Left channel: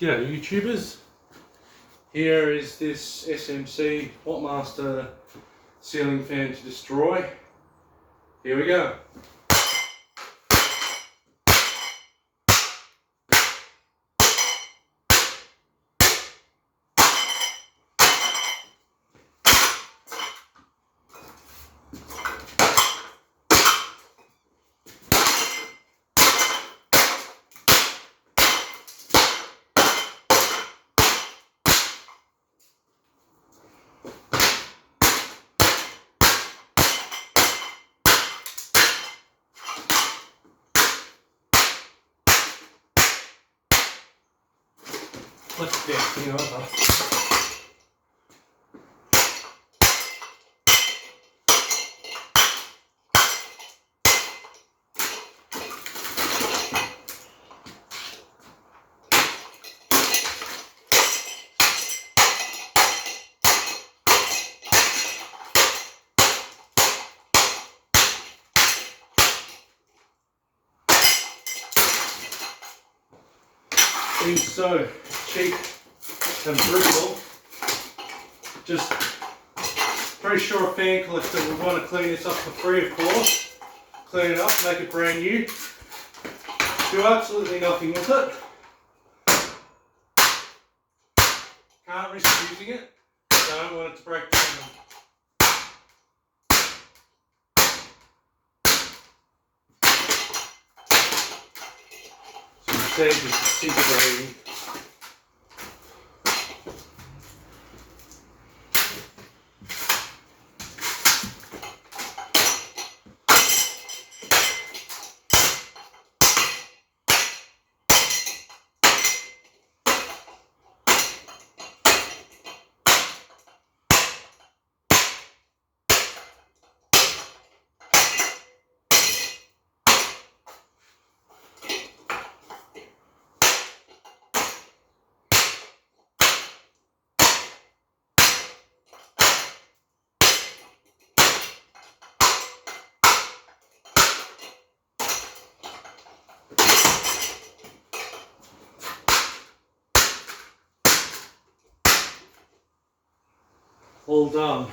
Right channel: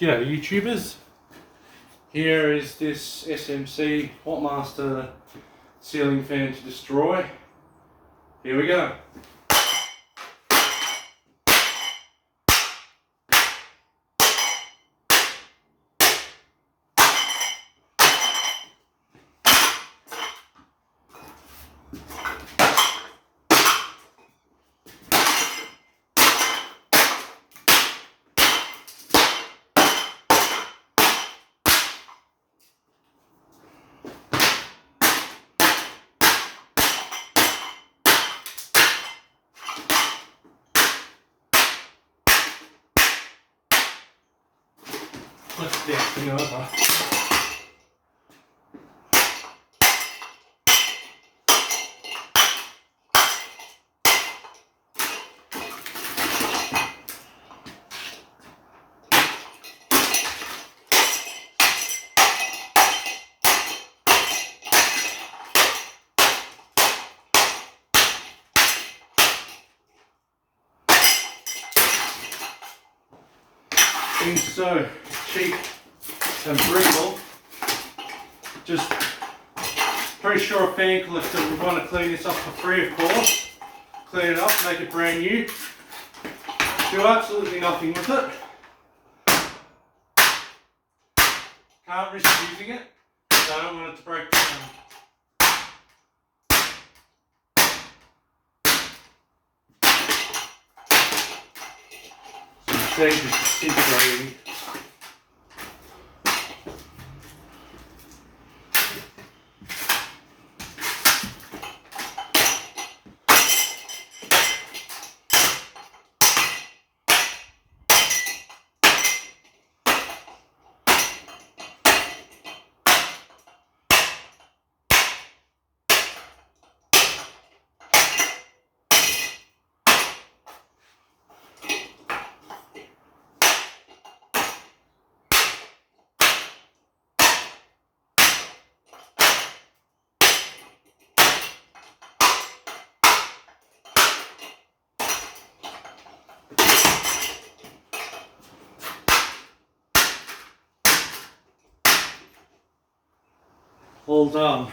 G'day YouTubers, here is this SMC-Wattmaster ceiling fan to destroy. Here we go. Let's get thing over. Being so cheap and brutal, just pretty sure a fan collector would want to clean this up for free, of course. Clean it up, make it brand new. Do absolutely nothing with it. Can't risk using it, so I don't want it to break down. So you see it's disintegrating. All done.